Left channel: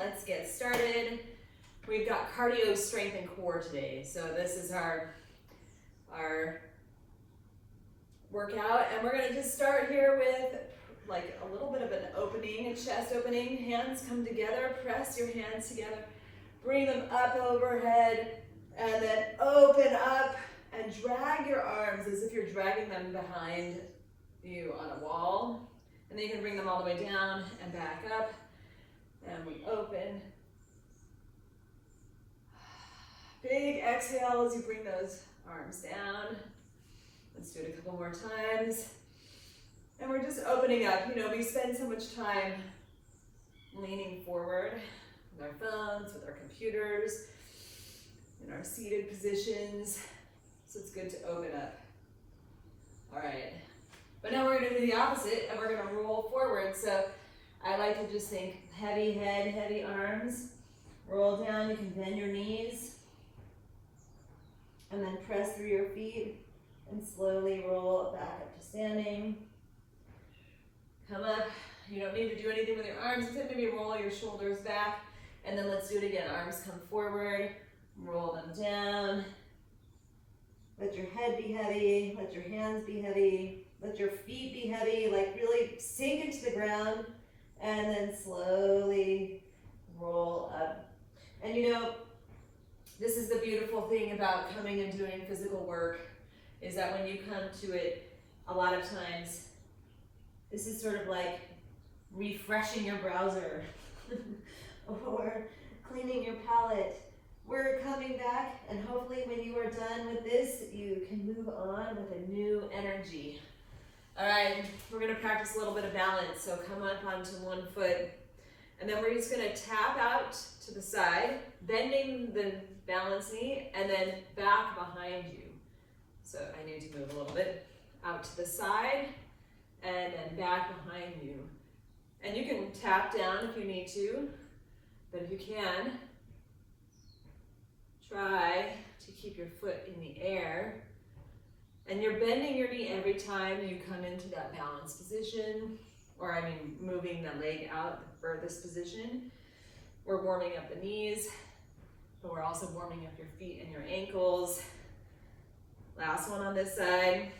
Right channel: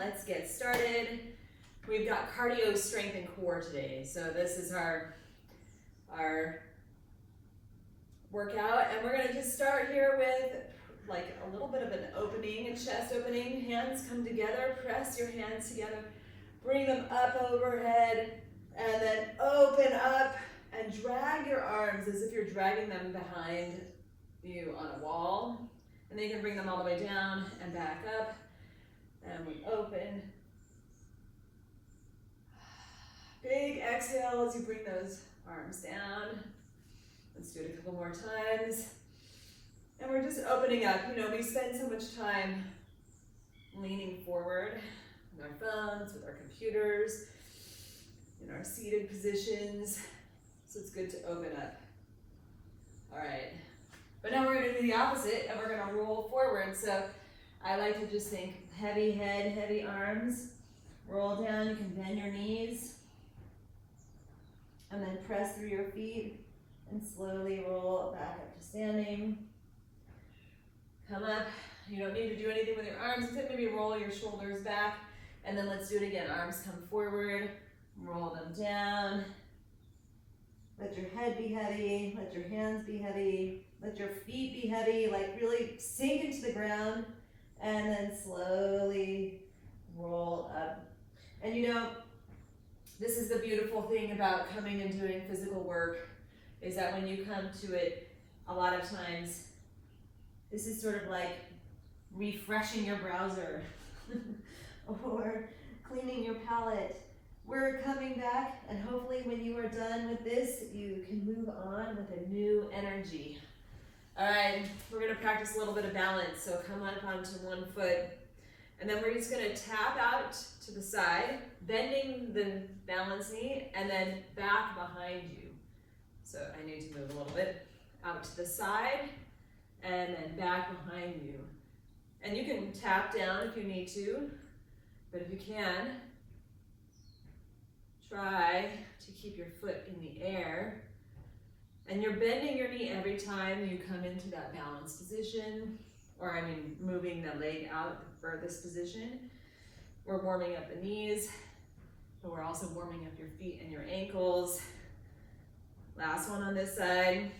let's get started. We've got cardio, strength, and core today. So this is our workout, and we're gonna just start here with like a little bit of an opening, a chest opening. Hands come together, press your hands together, bring them up overhead, and then open up and drag your arms as if you're dragging them behind you on a wall. And then you can bring them all the way down and back up. And we open. Big exhale as you bring those arms down. Let's do it a couple more times. And we're just opening up. You know, we spend so much time leaning forward with our phones, with our computers, in our seated positions. So it's good to open up. All right. But now we're going to do the opposite, and we're going to roll forward. So I like to just think heavy head, heavy arms. Roll down. You can bend your knees. And then press through your feet and slowly roll back up to standing. Come up. You don't need to do anything with your arms except maybe roll your shoulders back. And then let's do it again. Arms come forward. Roll them down. Let your head be heavy. Let your hands be heavy. Let your feet be heavy. Like really sink into the ground. And then slowly roll up. And you know, this is the beautiful thing about coming and doing physical work, is that when you come to it, a lot of times, this is sort of like refreshing your browser or cleaning your palette. We're coming back, and hopefully when you are done with this, you can move on with a new energy. All right, we're gonna practice a little bit of balance. So come up onto one foot, and then we're just gonna tap out to the side, bending the balance knee, and then back behind you. So I need to move a little bit out to the side, and then back behind you. And you can tap down if you need to, but if you can, try to keep your foot in the air. And you're bending your knee every time you come into that balanced position, or I mean moving the leg out the furthest position. We're warming up the knees, but we're also warming up your feet and your ankles. Last one on this side.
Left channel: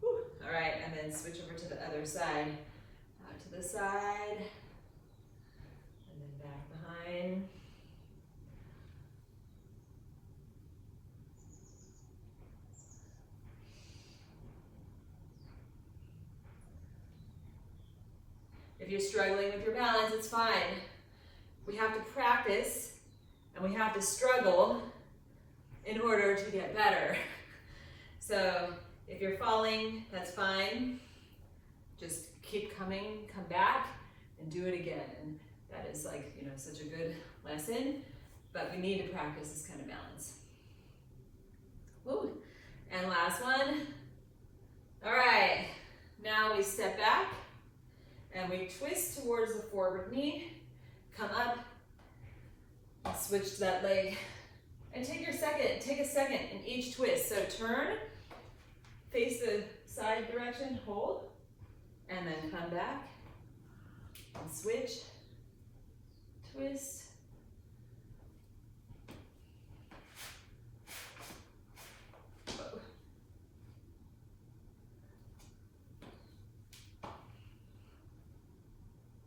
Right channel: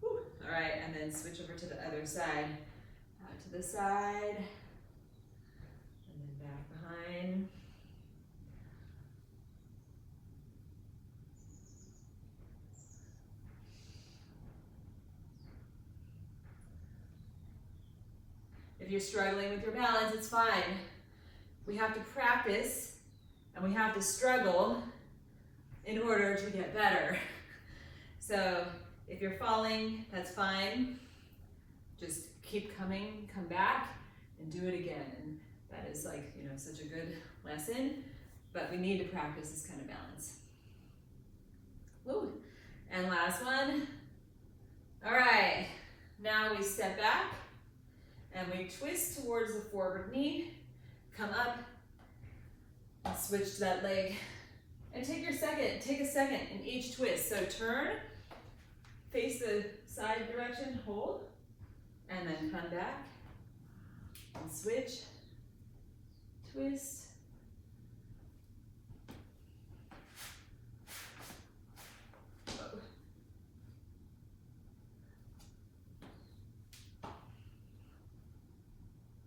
Whew. All right, and then switch over to the other side. Out to the side, and then back behind. If you're struggling with your balance, it's fine. We have to practice and we have to struggle in order to get better. So if you're falling, that's fine. Just keep coming, come back, and do it again. And that is like, you know, such a good lesson, but we need to practice this kind of balance. Woo. And last one. All right, now we step back. And we twist towards the forward knee, come up, and switch to that leg. And take a second in each twist. So turn, face the side direction, hold, and then come back, and switch, twist.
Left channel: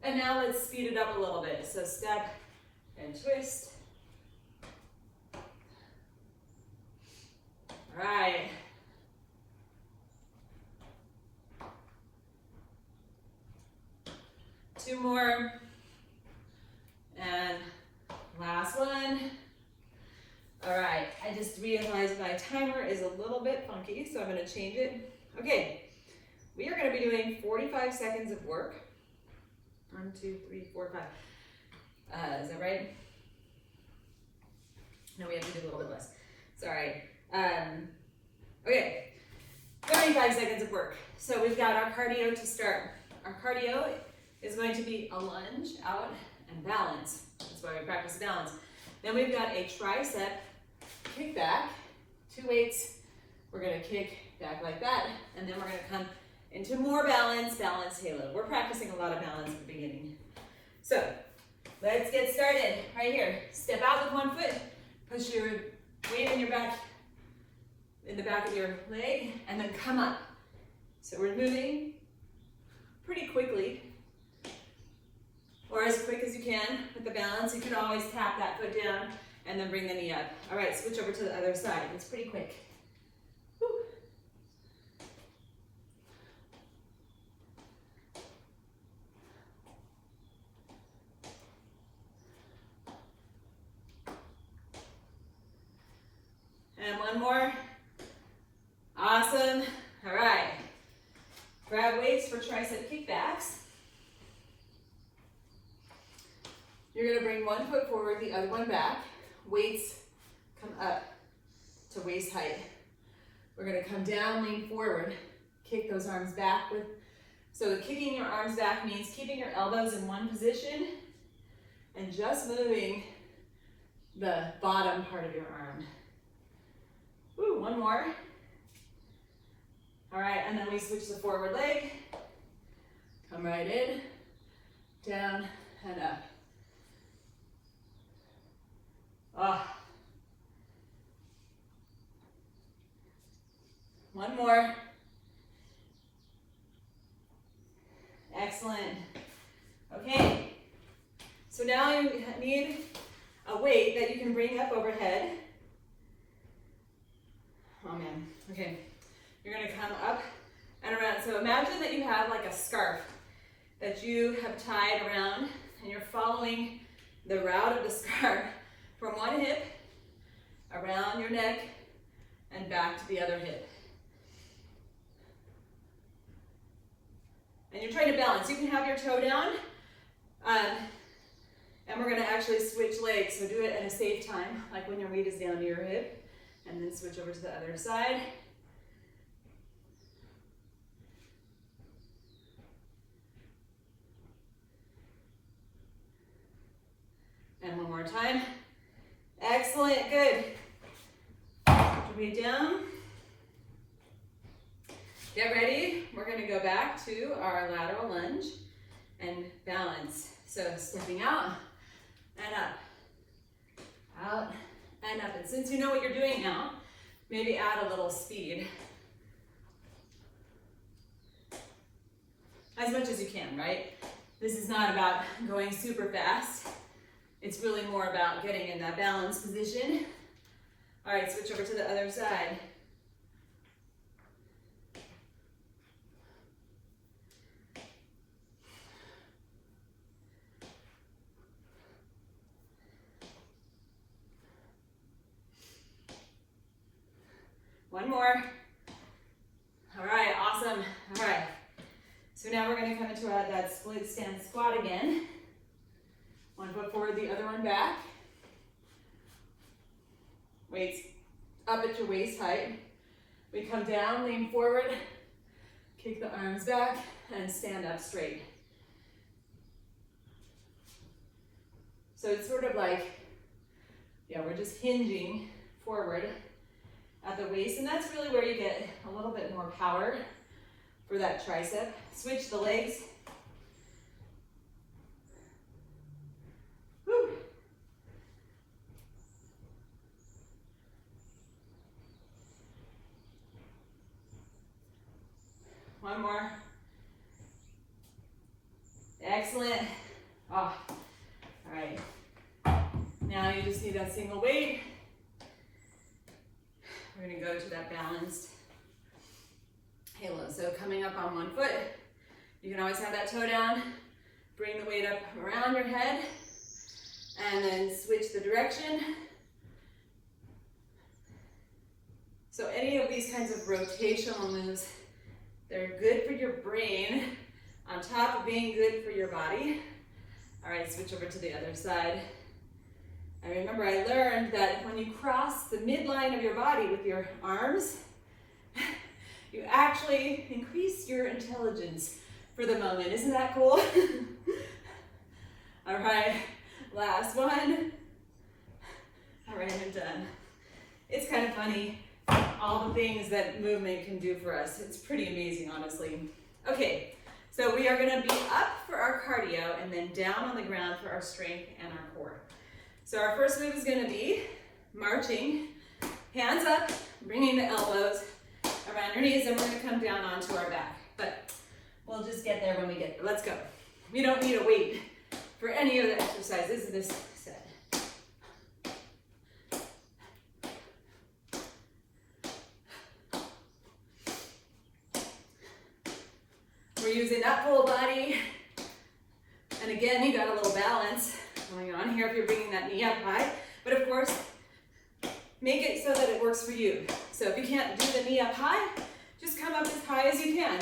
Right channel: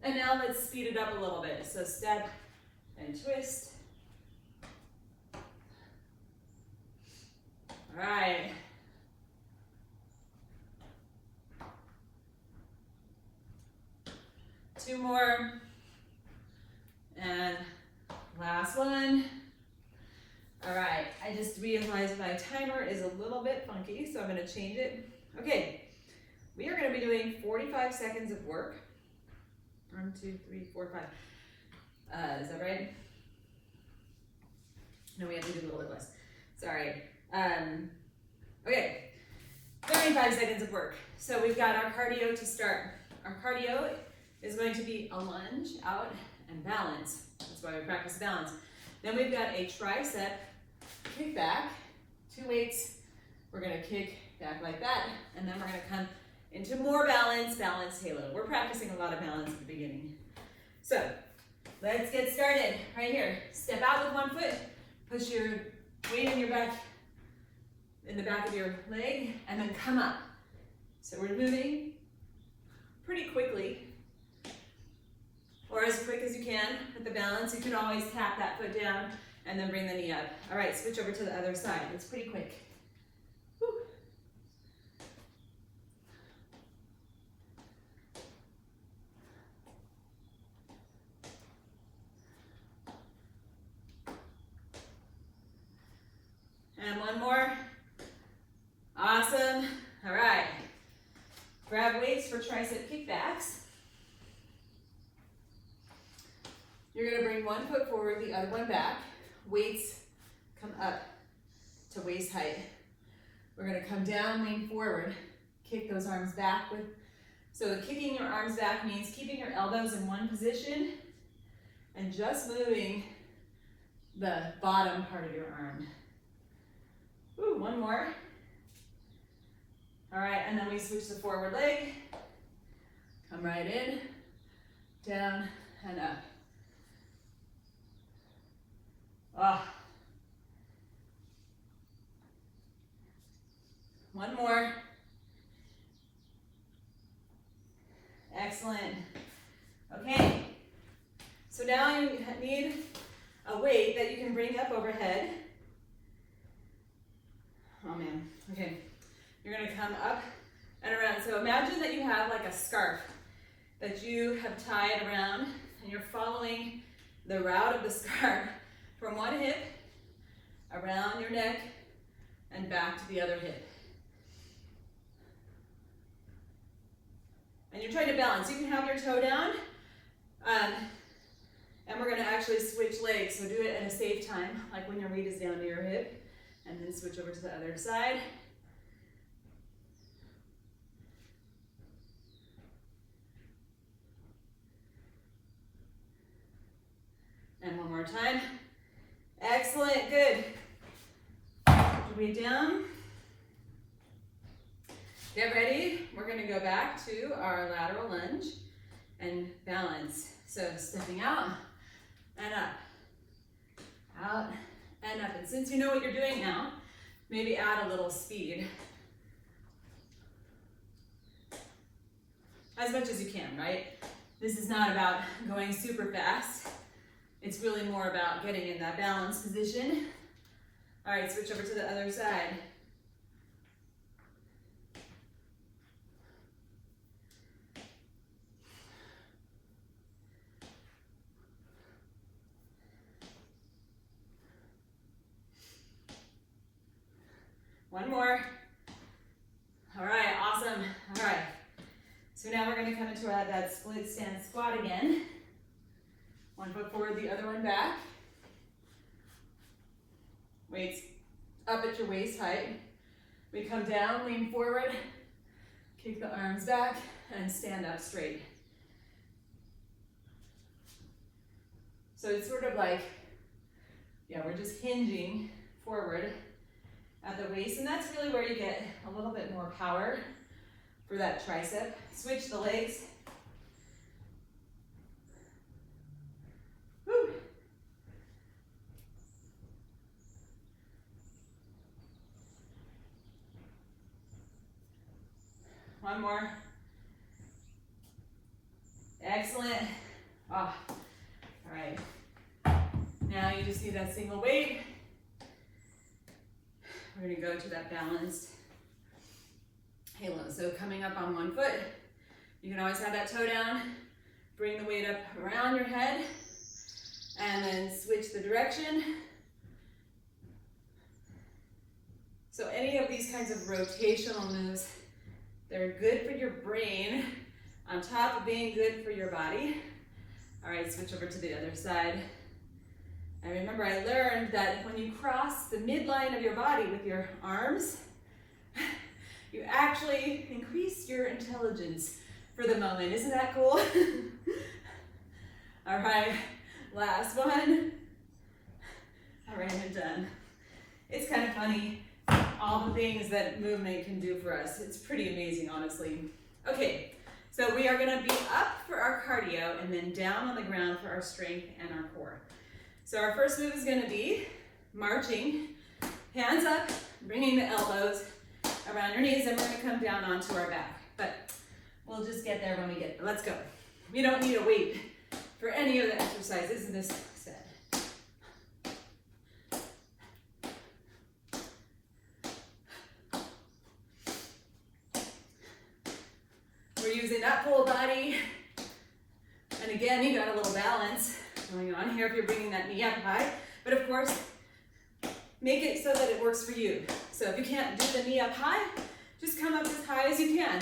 And now let's speed it up a little bit. So step and twist. All right. Two more. And last one. All right, I just realized my timer is a little bit funky, so I'm gonna change it. Okay, we are gonna be doing 45 seconds of work. 1, 2, 3, 4, 5. Is that right? No, we have to do a little bit less. Sorry. Okay, 25 seconds of work. So we've got our cardio to start. Our cardio is going to be a lunge out and balance. That's why we practice balance. Then we've got a tricep kick back, 2 weights. We're gonna kick back like that, and then we're gonna come into more balance, balance halo. We're practicing a lot of balance at the beginning. So let's get started right here. Step out with one foot, push your weight in your back, in the back of your leg, and then come up. So we're moving pretty quickly, or as quick as you can with the balance. You can always tap that foot down and then bring the knee up. All right, switch over to the other side. It's pretty quick. Woo. And one more. Awesome. All right. Grab weights for tricep kickbacks. You're going to bring one foot forward, the other one back. Weights come up to waist height. We're going to come down, lean forward, kick those arms back. So kicking your arms back means keeping your elbows in one position and just moving the bottom part of your arm. Ooh, one more. All right, and then we switch the forward leg. Come right in, down, and up. Ah. One more. Excellent. Okay. So now you need a weight that you can bring up overhead. Oh man. Okay. You're going to come up and around. So imagine that you have like a scarf that you have tied around, and you're following the route of the scarf from one hip around your neck and back to the other hip. And you're trying to balance. You can have your toe down, and we're going to actually switch legs. So do it at a safe time, like when your weight is down to your hip, and then switch over to the other side. And one more time. Excellent, good. Put your weight down. Get ready. We're going to go back to our lateral lunge and balance. So stepping out and up, out and up. And since you know what you're doing now, maybe add a little speed. As much as you can, right? This is not about going super fast. It's really more about getting in that balanced position. All right, switch over to the other side. One more. All right, awesome. All right. So now we're going to come into that split stance squat again. One foot forward, the other one back. Weights up at your waist height. We come down, lean forward, kick the arms back, and stand up straight. So it's sort of like, we're just hinging forward at the waist, and that's really where you get a little bit more power for that tricep. Switch the legs. Woo. One more. Excellent. Oh. All right. Now you just need that single weight. We're going to go to that balanced halo. So coming up on one foot, you can always have that toe down, bring the weight up around your head, and then switch the direction. So any of these kinds of rotational moves, they're good for your brain on top of being good for your body. All right, switch over to the other side. And remember, I learned that when you cross the midline of your body with your arms, you actually increase your intelligence for the moment. Isn't that cool? All right, last one. All right, I'm done. It's kind of funny, all the things that movement can do for us. It's pretty amazing, honestly. Okay, so we are gonna be up for our cardio, and then down on the ground for our strength and our core. So our first move is gonna be marching, hands up, bringing the elbows around your knees, and we're gonna come down onto our back. But we'll just get there when we get there. Let's go. You don't need a weight for any of the exercises in this set. We're using that full body. And again, you got a little balance going on here if you're bringing that knee up high. But of course, make it so that it works for you. So if you can't do the knee up high, just come up as high as you can.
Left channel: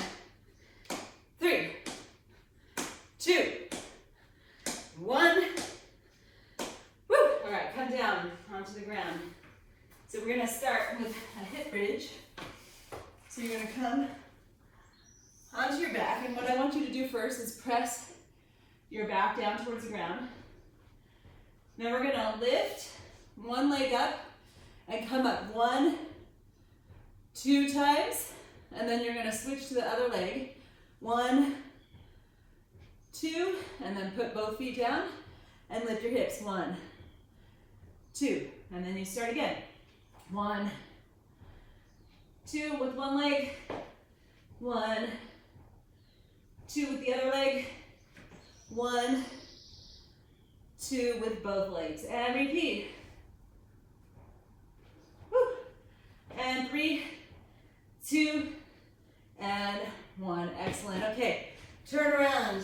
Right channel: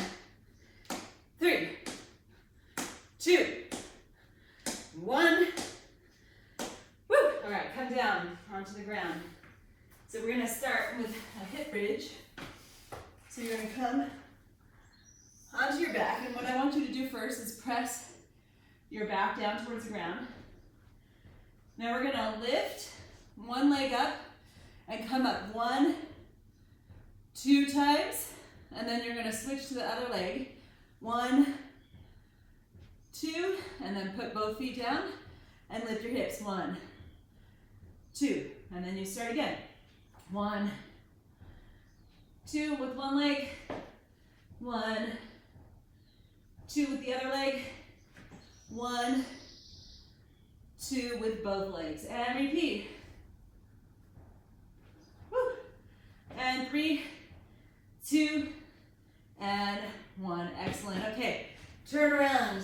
3, 2, 1. Woo! All right, come down onto the ground. So we're gonna start with a hip bridge. So you're gonna come onto your back, and what I want you to do first is press your back down towards the ground. Now we're gonna lift one leg up and come up 1, 2 times, and then you're gonna switch to the other leg. 1, 2, and then put both feet down and lift your hips. 1, 2, and then you start again. 1, 2 with one leg. 1, 2 with the other leg. 1, 2 with both legs, and repeat. Woo. And 3, 2, and 1. Excellent. Okay, turn around.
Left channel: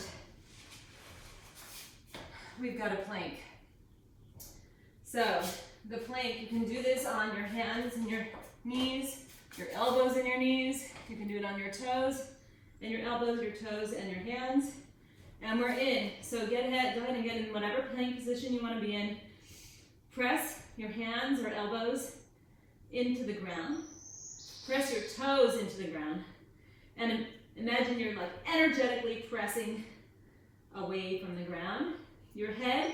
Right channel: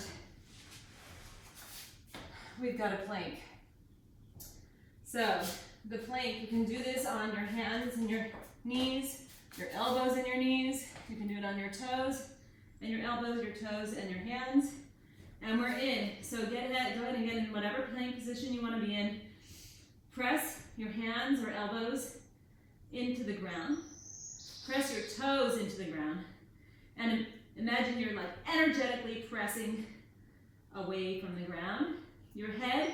We've got a plank. So the plank, you can do this on your hands and your knees, your elbows and your knees. You can do it on your toes and your elbows, your toes and your hands. And we're in. So go ahead and get in whatever plank position you want to be in. Press your hands or elbows into the ground. Press your toes into the ground. And imagine you're like energetically pressing away from the ground. Your head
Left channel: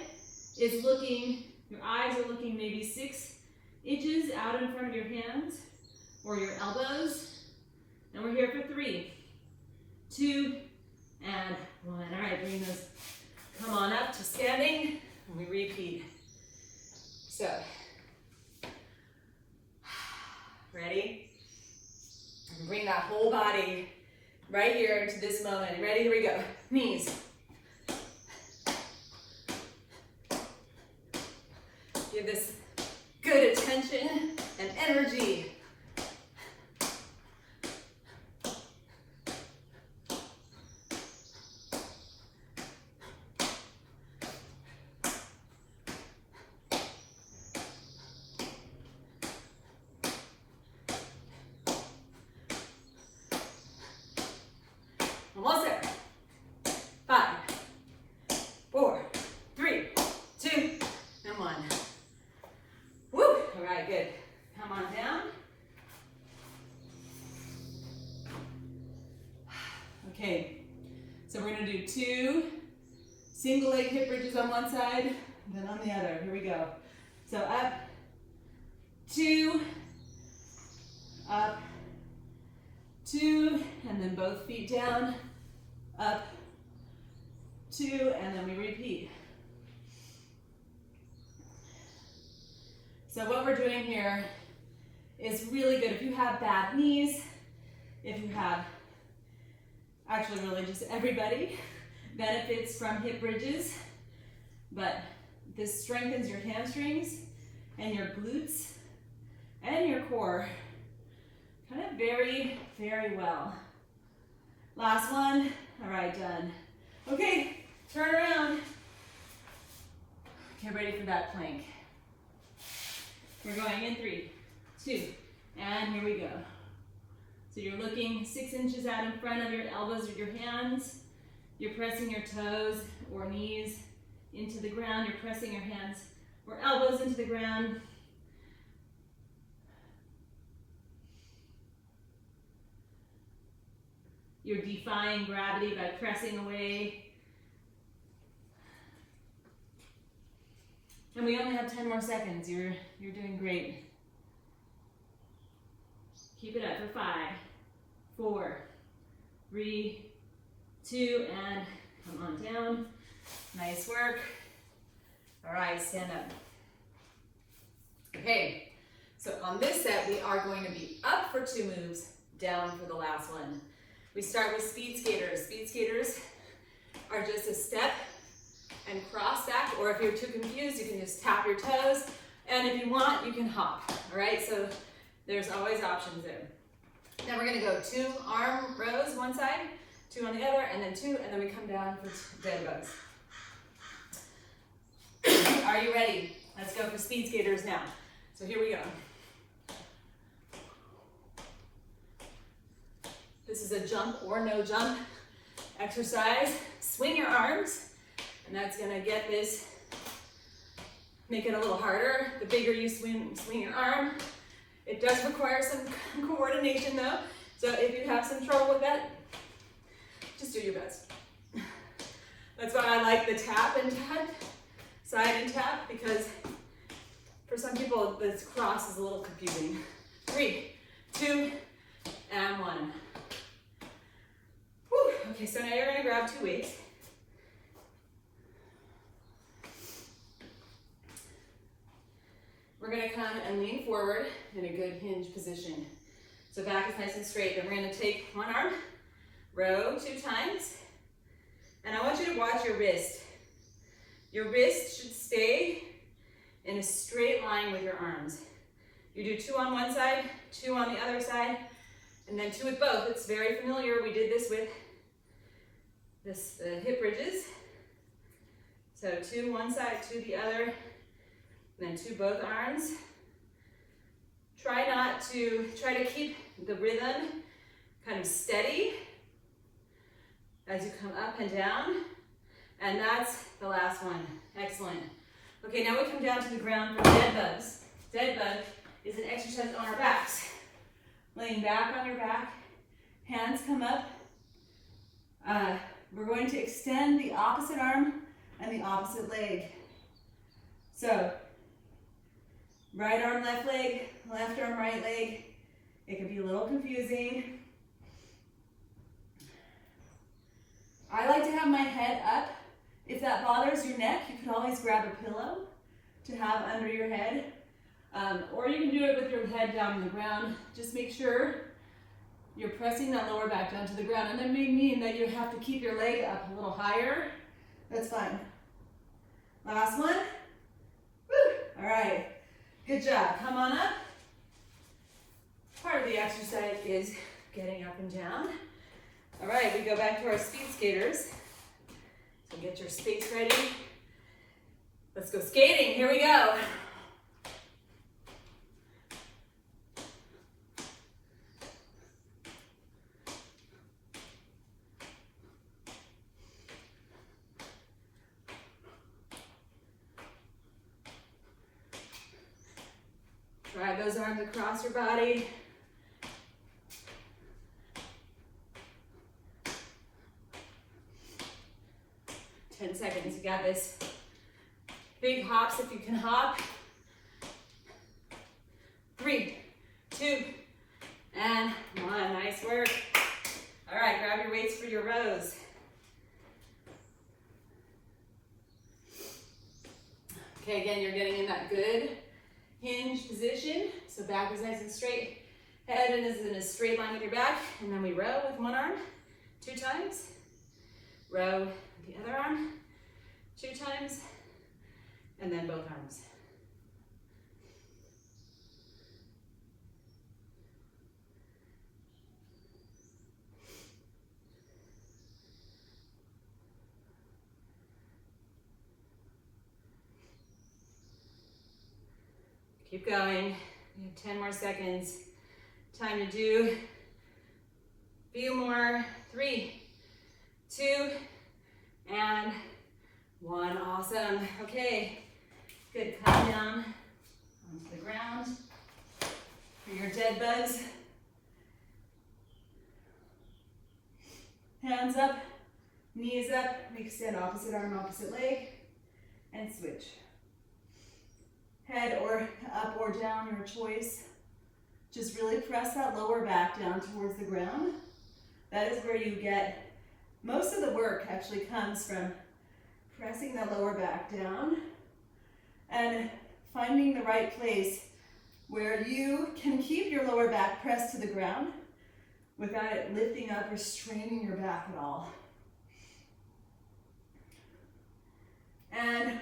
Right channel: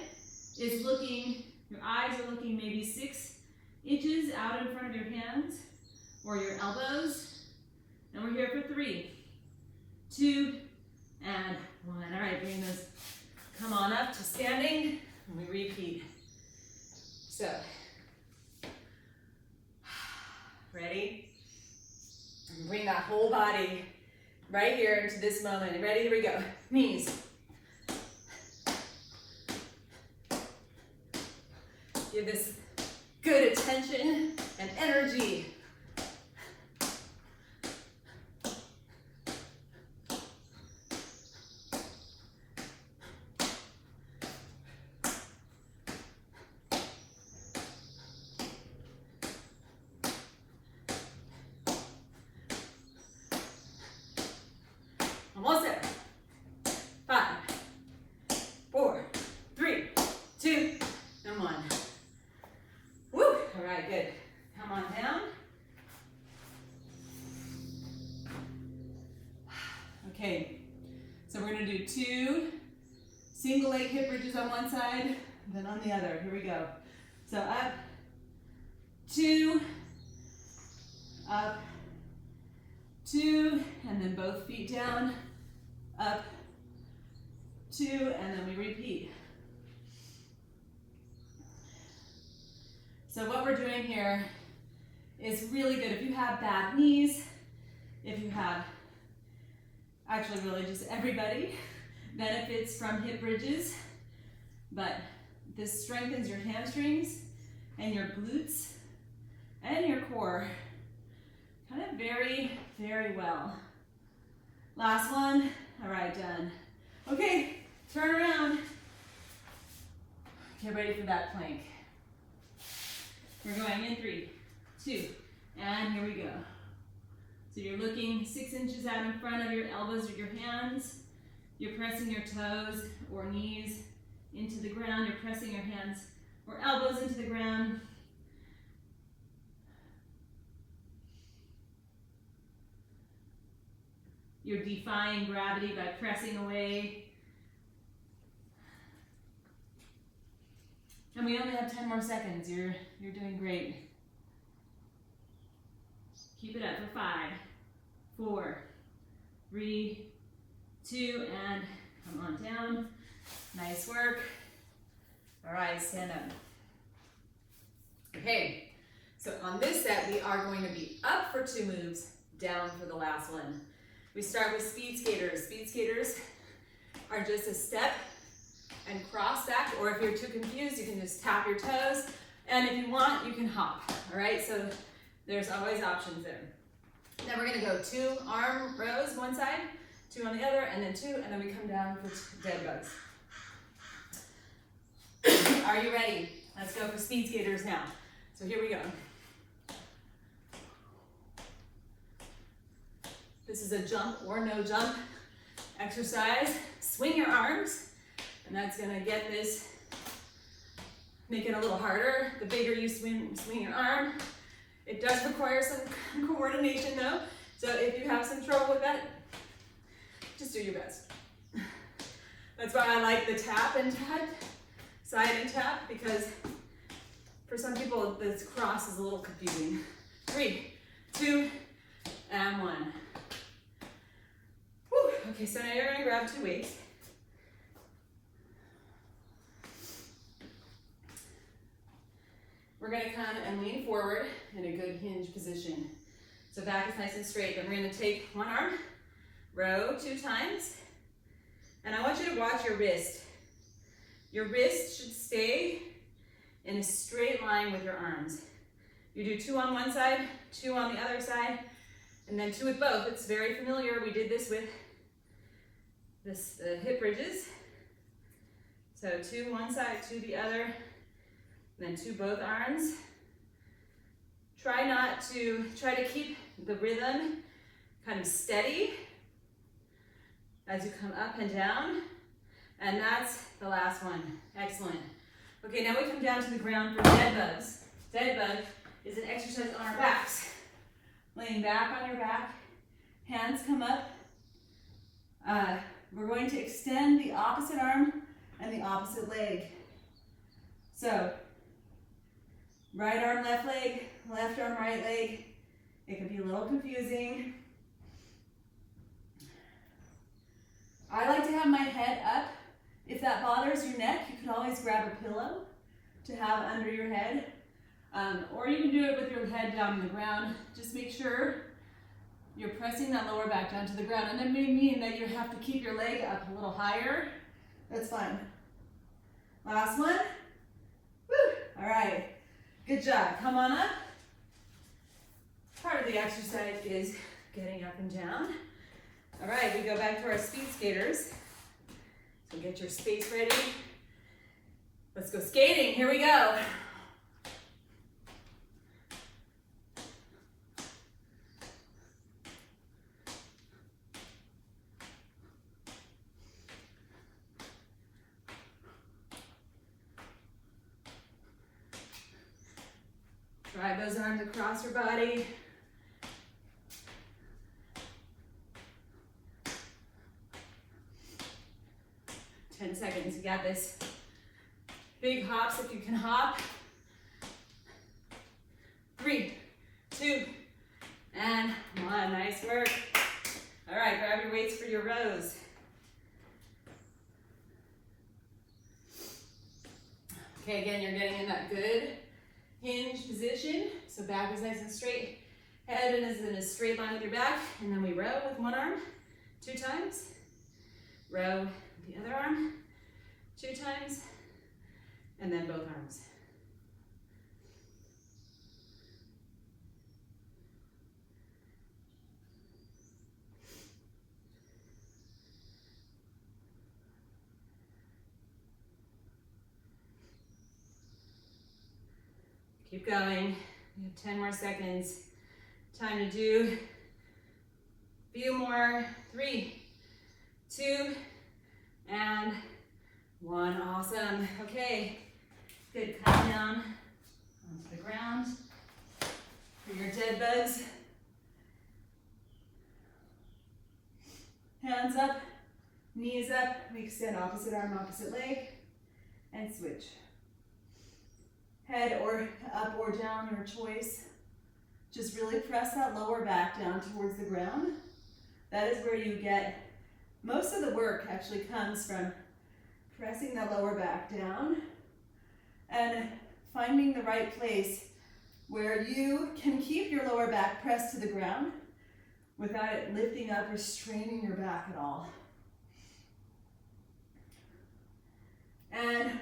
is looking, your eyes are looking maybe 6 inches out in front of your hands or your elbows. And we're here for 3, 2, and 1. All right, bring those, come on up to standing, and we repeat. So, ready? And bring that whole body right here into this moment. Ready? Here we go. Knees. Give this good attention and energy. Almost there. 5, 4, 3, 2, and 1. Woo! All right, good. Come on down. Okay, so we're gonna do 2 single leg hip bridges on one side, then on the other. Here we go. So up, 2, up, 2, and then both feet down, up, 2, and then we repeat. So what we're doing here is really good if you have bad knees, if you have, actually really just everybody benefits from hip bridges, but this strengthens your hamstrings and your glutes and your core kind of very, very well. Last one. All right, done. Okay, turn around. Get ready for that plank. We're going in 3, 2, and here we go. So you're looking 6 inches out in front of your elbows or your hands. You're pressing your toes or knees into the ground. You're pressing your hands or elbows into the ground. You're defying gravity by pressing away. And we only have 10 more seconds. You're doing great. Keep it up for 5, 4, 3, 2, and come on down. Nice work. All right, stand up. Okay, so on this set, we are going to be up for 2 moves, down for the last one. We start with speed skaters. Speed skaters are just a step and cross back, or if you're too confused, you can just tap your toes, and if you want, you can hop, all right? So there's always options there. Then we're gonna go 2 arm rows, one side, 2 on the other, and then 2, and then we come down for dead bugs. Are you ready? Let's go for speed skaters now. So here we go. This is a jump or no jump exercise. Swing your arms, and that's gonna get this, make it a little harder. The bigger you swing your arm. It does require some coordination though. So if you have some trouble with that, just do your best. That's why I like the tap and tap, side and tap, because for some people this cross is a little confusing. 3, 2, and 1. Whew. Okay, so now you're gonna grab 2 weights. We're gonna come and lean forward in a good hinge position. So back is nice and straight. Then we're gonna take one arm, row 2 times, and I want you to watch your wrist. Your wrist should stay in a straight line with your arms. You do 2 on one side, 2 on the other side, and then 2 with both. It's very familiar. We did this with this hip bridges. So 2 one side, 2 the other, and then 2 both arms. Try to keep the rhythm kind of steady as you come up and down. And that's the last one. Excellent. Okay, now we come down to the ground for dead bugs. Dead bug is an exercise on our backs. Laying back on your back, hands come up. We're going to extend the opposite arm and the opposite leg. So, right arm, left leg, left arm, right leg. It can be a little confusing. I like to have my head up. If that bothers your neck, you could always grab a pillow to have under your head. Or you can do it with your head down on the ground. Just make sure you're pressing that lower back down to the ground. And that may mean that you have to keep your leg up a little higher. That's fine. Last one. Woo! All right. Good job. Come on up. Part of the exercise is getting up and down. All right, we go back to our speed skaters. So get your skates ready. Let's go skating. Here we go. Drive those arms across your body. Seconds, you got this. Big hops if you can hop. 3, 2, and 1. Nice work. All right, grab your weights for your rows. Okay, again, you're getting in that good hinge position. So back is nice and straight. Head is in a straight line with your back. And then we row with one arm 2 times. Row the other arm 2 times, and then both arms. Keep going. You have 10 more seconds. Time to do a few more. 3, 2, and 1. Awesome. Okay. Good. Come down onto the ground for your dead bugs. Hands up, knees up. We extend opposite arm, opposite leg, and switch. Head or up or down, your choice. Just really press that lower back down towards the ground. That is where you get most of the work. Actually comes from pressing the lower back down and finding the right place where you can keep your lower back pressed to the ground without it lifting up or straining your back at all. And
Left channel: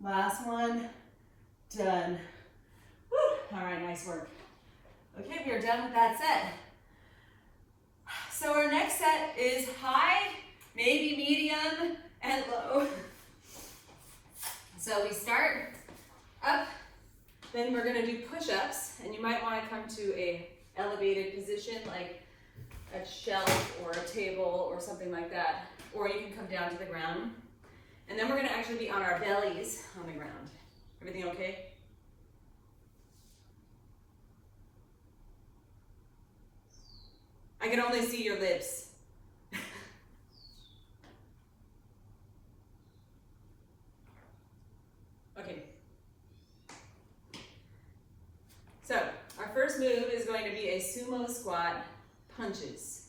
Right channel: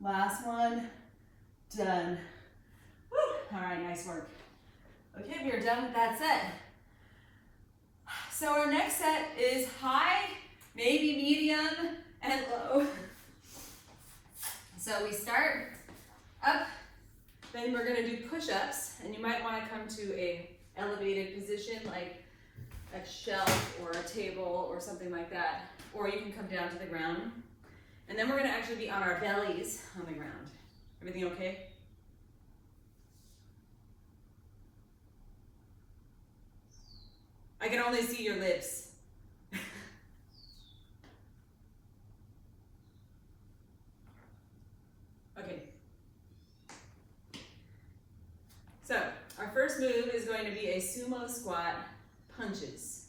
last one, done. Woo. All right, nice work. Okay, we are done with that set. So our next set is high, maybe medium, and low. So we start up, then we're gonna do push-ups, and you might wanna come to a elevated position like a shelf or a table or something like that, or you can come down to the ground. And then we're gonna actually be on our bellies on the ground. Everything okay? I can only see your lips. Okay. So, our first move is going to be a sumo squat punches.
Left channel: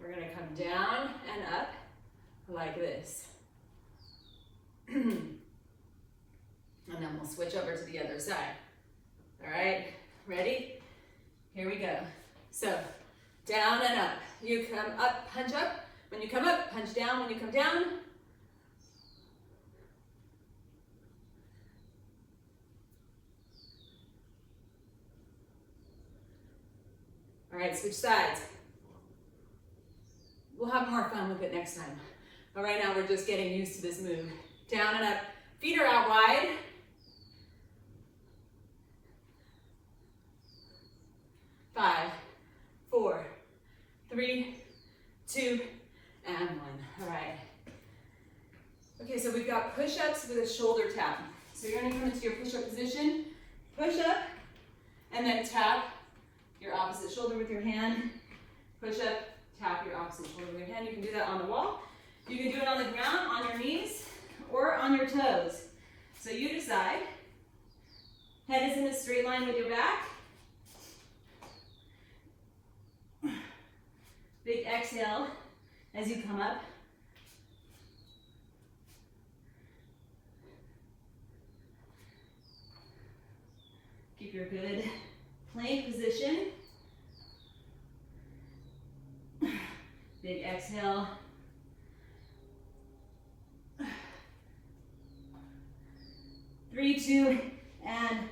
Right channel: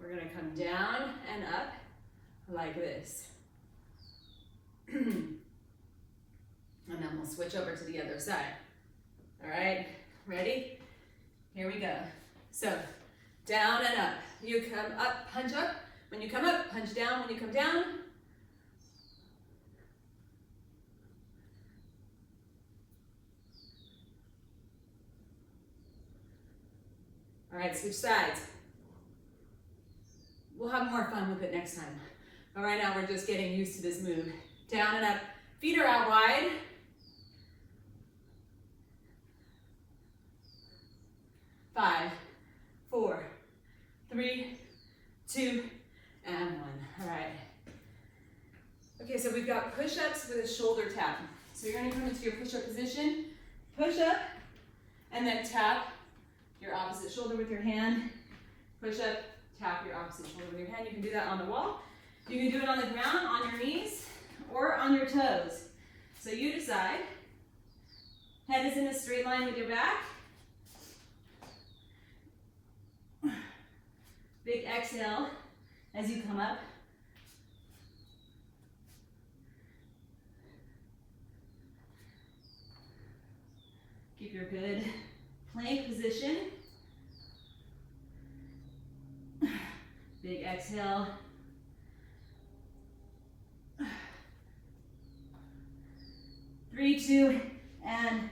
We're going to come down and up like this. And then we'll switch over to the other side. All right, ready? Here we go. So, down and up. You come up, punch up. When you come up, punch down. When you come down, all right, switch sides. We'll have more fun with it next time. But right now, we're just getting used to this move. Down and up. Feet are out wide. 5, 4, 3, 2, and 1. All right. Okay, so we've got push-ups with a shoulder tap. So you're gonna come into your push-up position, push up, and then tap your opposite shoulder with your hand. Push up, tap your opposite shoulder with your hand. You can do that on the wall. You can do it on the ground, on your knees, or on your toes. So you decide. Head is in a straight line with your back. Big exhale as you come up. Keep your good plank position. Big exhale. Three, 2, and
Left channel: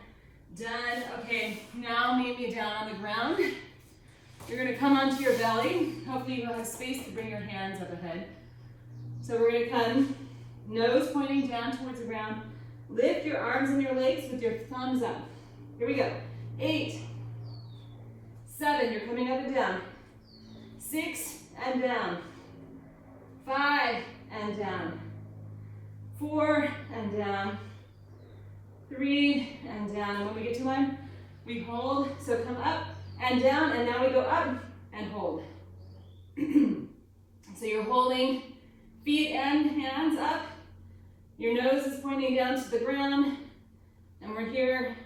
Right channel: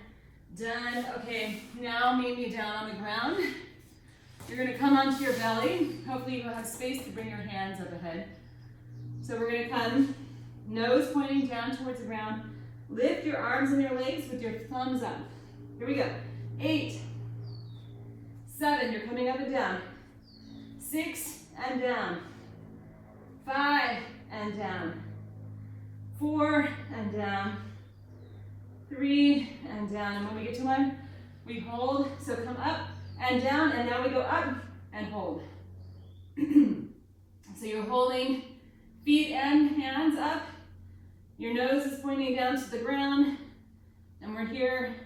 done. Okay, now meet me down on the ground. You're gonna come onto your belly. Hopefully you'll have space to bring your hands up ahead. So we're gonna come, nose pointing down towards the ground. Lift your arms and your legs with your thumbs up. Here we go. 8, 7, you're coming up and down. 6, and down. 5, and down. 4, and down. 3, and down. And when we get to 1, we hold. So come up and down, and now we go up and hold. So you're holding feet and hands up. Your nose is pointing down to the ground. And we're here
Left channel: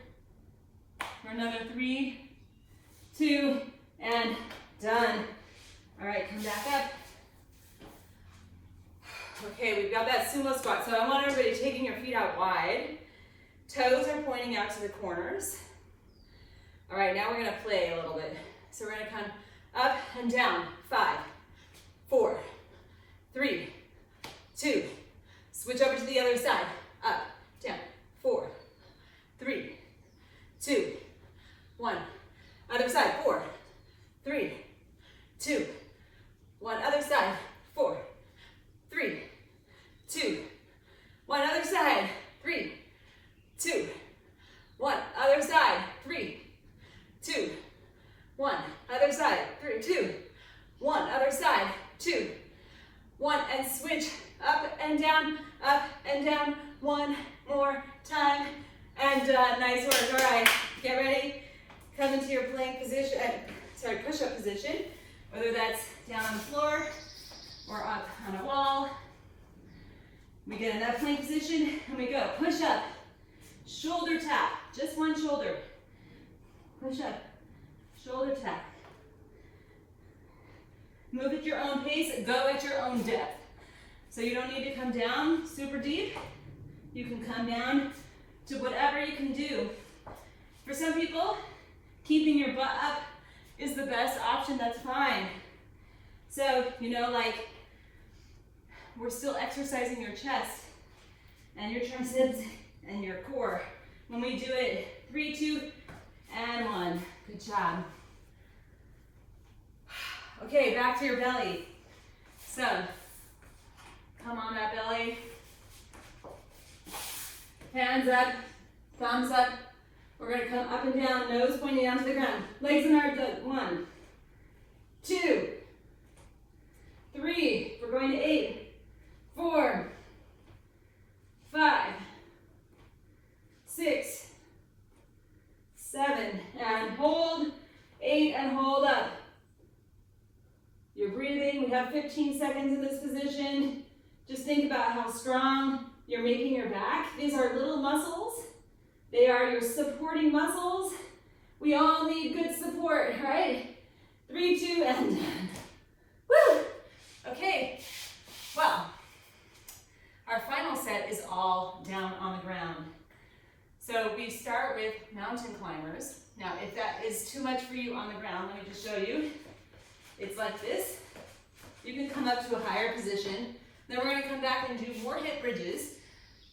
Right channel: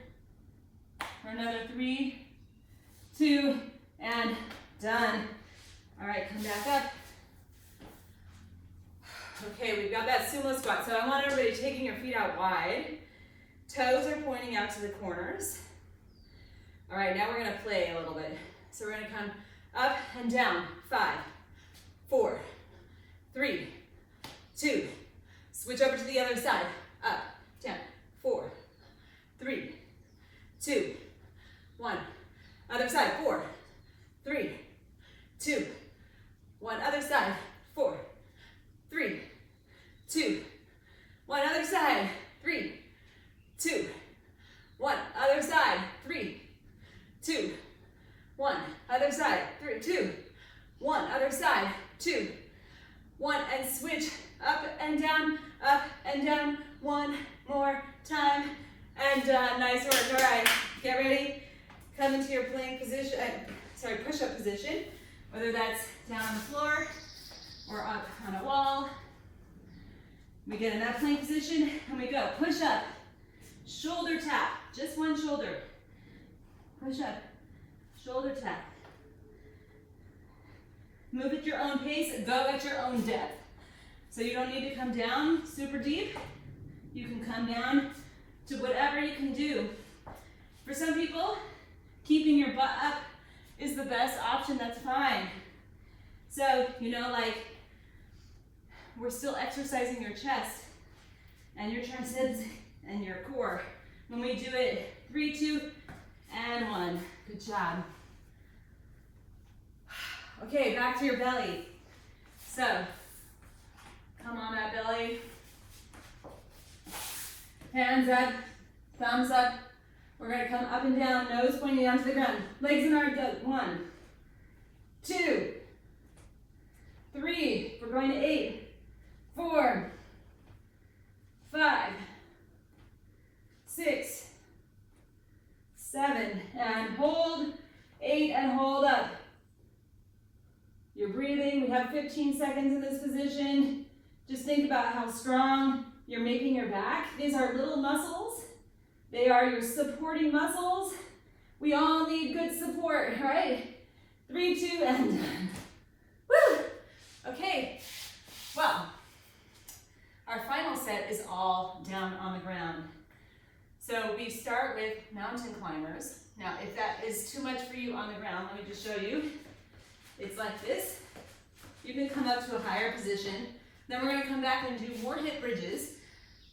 for another 3, 2, and done. All right, come back up. Okay, we've got that sumo squat. So I want everybody taking your feet out wide. Toes are pointing out to the corners. All right, now we're gonna play a little bit. So we're gonna come up and down. 5, 4, 3, 2. Switch over to the other side. Up, down. 4, 3, 2, 1. Other side. 4, 3, 2, 1. Other side. 4, 3, 2, 1. Other side. 3, 2, 1. Other side. 3, 2, 1. Other side. 3, 2, 1. Other side. 2, 1. And switch up and down, up and down. One more time. And nice work. All right, get ready. Come into your plank position, push-up position, whether that's down on the floor or up on a wall. We get in that plank position and we go. Push up, shoulder tap, just one shoulder. Push up, shoulder tap. Move at your own pace, go at your own depth. So you don't need to come down super deep. You can come down to whatever you can do. For some people, keeping your butt up is the best option, that's fine. So, you know, like, we're still exercising your chest and your triceps and your core. When we do it, 3, 2, and 1. Good job. Okay, back to your belly. So, come on that belly. Hands up, thumbs up. We're gonna come up and down, nose pointing down to the ground. Legs in our gut. 1, 2, 3. We're going to 8, 4, 5, 6, 7, and hold. 8, and hold up. You're breathing. We have 15 seconds in this position. Just think about how strong you're making your back. These are little muscles. They are your supporting muscles. We all need good support, right? 3, 2, and done. Woo! Okay, well, our final set is all down on the ground. So we start with mountain climbers. Now, if that is too much for you on the ground, let me just show you. It's like this. You can come up to a higher position. Then we're gonna come back and do more hip bridges,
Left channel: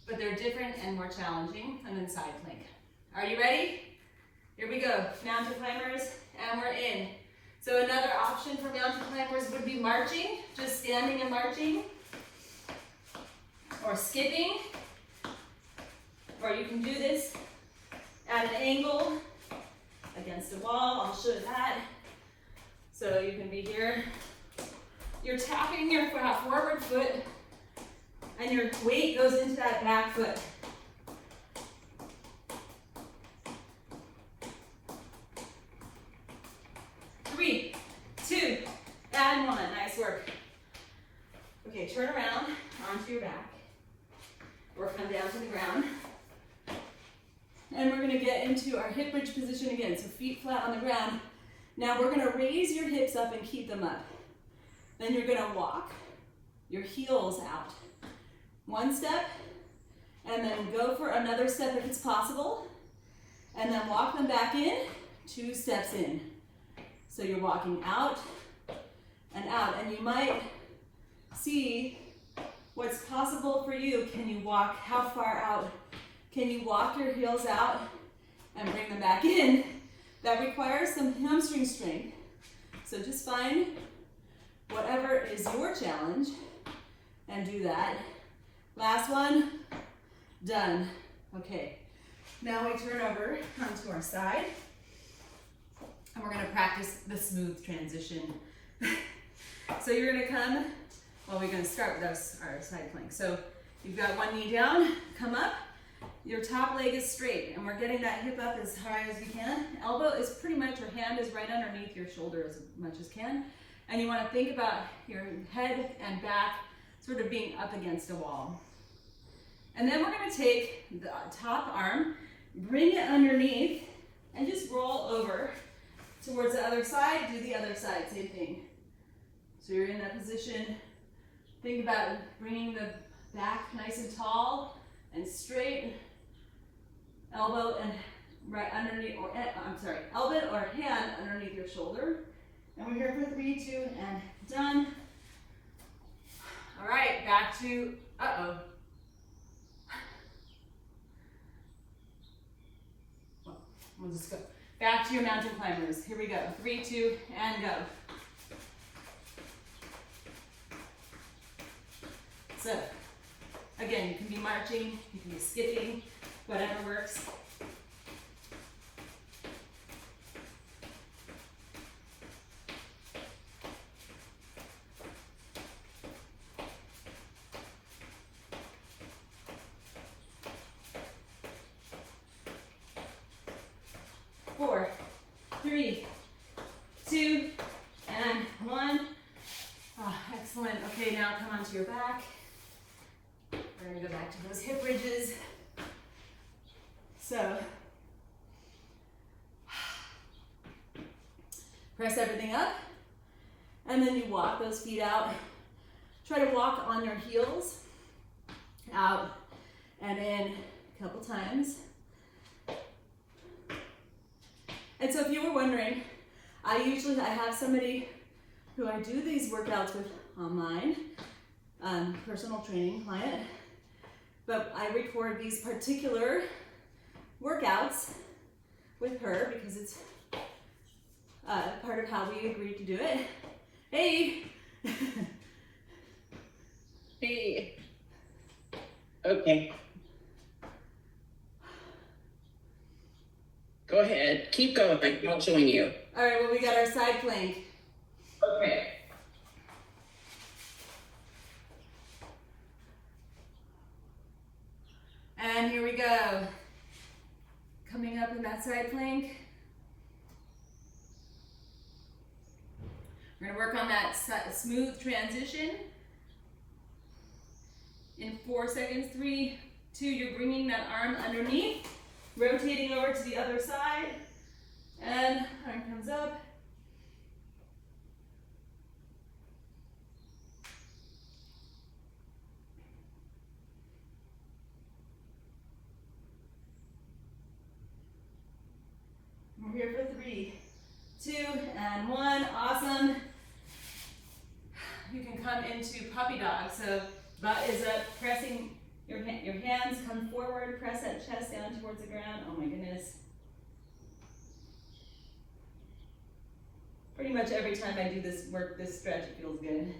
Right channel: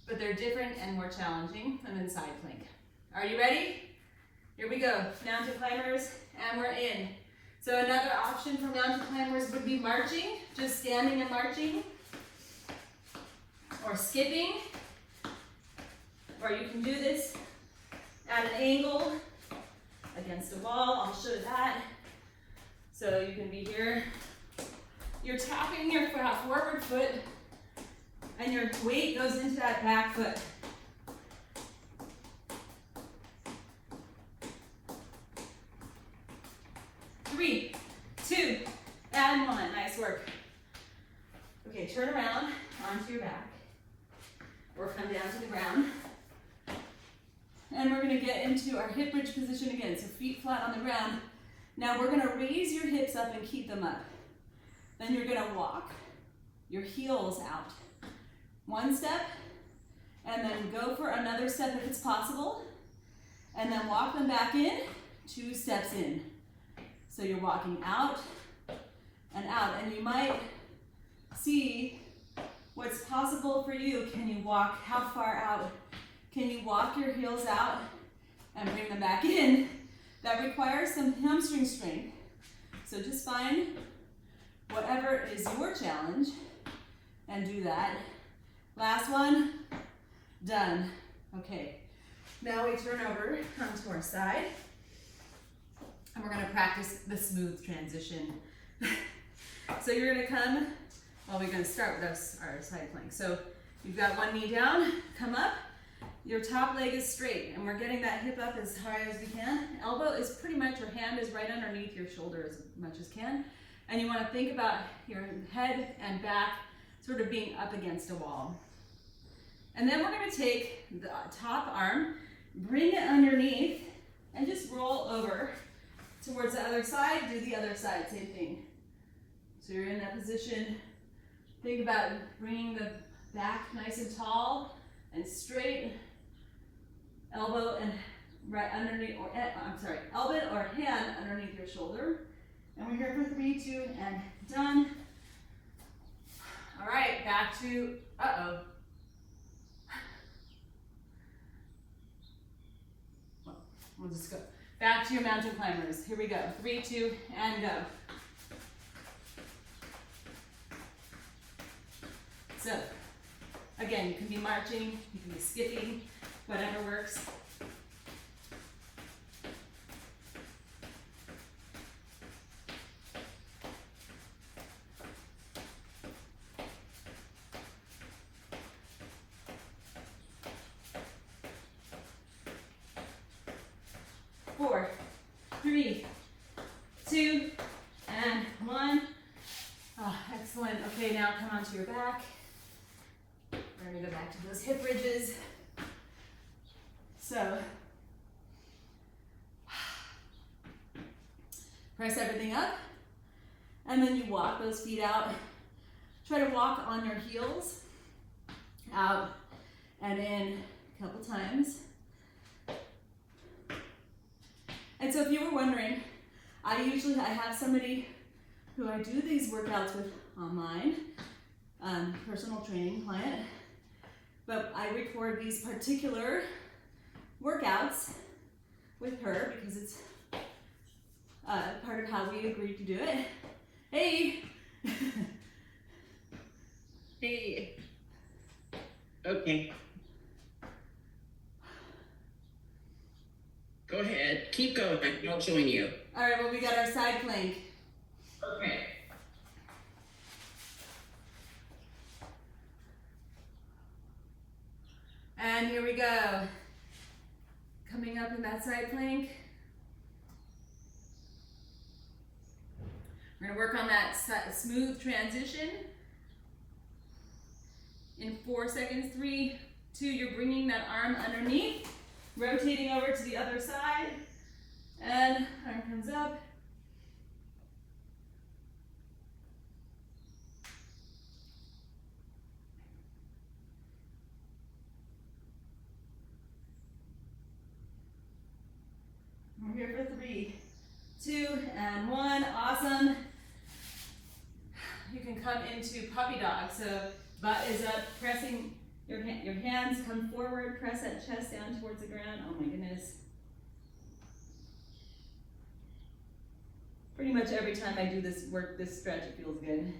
but they're different and more challenging, and then side plank. Are you ready? Here we go, mountain climbers, and we're in. So another option for mountain climbers would be marching, just standing and marching, or skipping, or you can do this at an angle against a wall. I'll show that. So you can be here. You're tapping your forward foot, and your weight goes into that back foot. Three, 2, and 1. Nice work. Okay, turn around onto your back, or come down to the ground. And we're gonna get into our hip bridge position again, so feet flat on the ground. Now we're gonna raise your hips up and keep them up. Then you're gonna walk your heels out. 1 step, and then go for another step if it's possible, and then walk them back in, 2 steps in. So you're walking out, and you might see what's possible for you. Can you walk, how far out? Can you walk your heels out and bring them back in? That requires some hamstring strength. So just find whatever is your challenge and do that. Last one, done. Okay, now we turn over onto our side, and we're gonna practice the smooth transition. So you're gonna come, well, we're gonna start with our side plank. So you've got one knee down, come up, your top leg is straight, and we're getting that hip up as high as we can. Elbow is pretty much, your hand is right underneath your shoulder as much as can. And you wanna think about your head and back sort of being up against a wall. And then we're gonna take the top arm, bring it underneath, and just roll over towards the other side. Do the other side, same thing. So you're in that position. Think about bringing the back nice and tall and straight. Elbow and right underneath, or elbow or hand underneath your shoulder. And we're here for 3, 2, and done. All right, back to, We'll just go. Back to your mountain climbers. Here we go. 3, 2, and go. So, again, you can be marching, you can be skipping, whatever works. Four, 3, 2, and 1. Oh, excellent. Okay, now come onto your back. We're gonna go back to those hip bridges. So, press everything up, And then you walk those feet out. Try to walk on your heels, out and in a couple times. And so if you were wondering, I have somebody who I do these workouts with online, personal training client, but I record these particular workouts with her because it's part of how we agreed to do it. Hey! Hey. Okay. Go ahead. Keep going. I'll join you. All right, well, we got our side plank. Okay. And here we go. Coming up in that side plank. We're gonna work on that smooth transition. In 4 seconds, 3, 2, you're bringing that arm underneath, rotating over to the other side, and arm comes up. We're here for 3, 2, and 1. Awesome. You can come into puppy dog. So butt is up, pressing your hands, come forward, press that chest down towards the ground. Oh my goodness. Pretty much every time I do this work, this stretch, it feels good.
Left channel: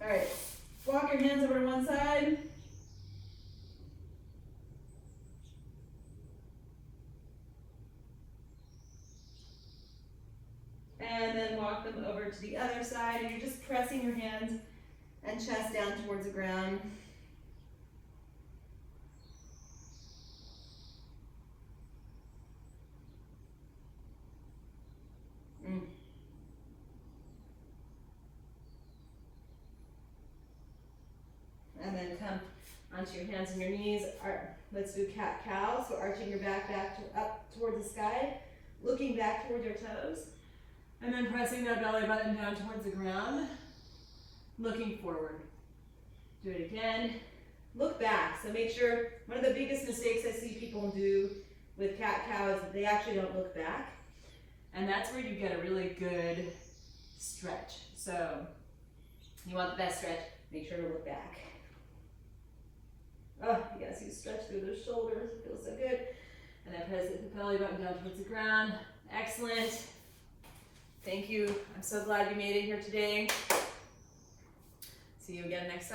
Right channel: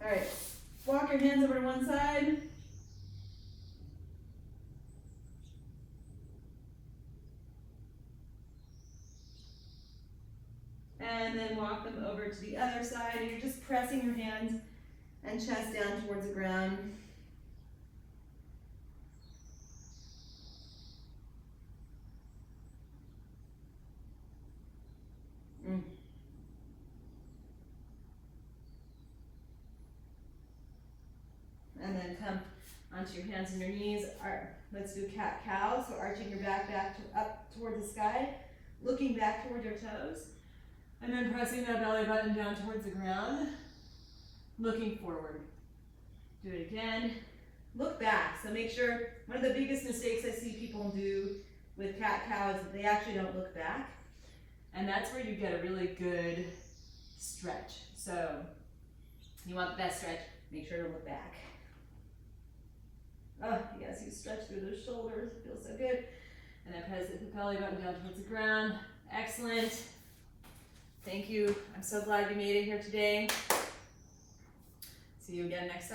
All right, walk your hands over to one side. And then walk them over to the other side, and you're just pressing your hands and chest down towards the ground. And then come onto your hands and your knees. Let's do cat-cow, so arching your back up towards the sky, looking back towards your toes. And then pressing that belly button down towards the ground, looking forward. Do it again. Look back. So make sure, one of the biggest mistakes I see people do with cat-cow is that they actually don't look back. And that's where you get a really good stretch. So you want the best stretch, make sure to look back. Oh, you guys see stretch through those shoulders, it feels so good. And then press the belly button down towards the ground. Excellent. Thank you. I'm so glad you made it here today. See you again next time.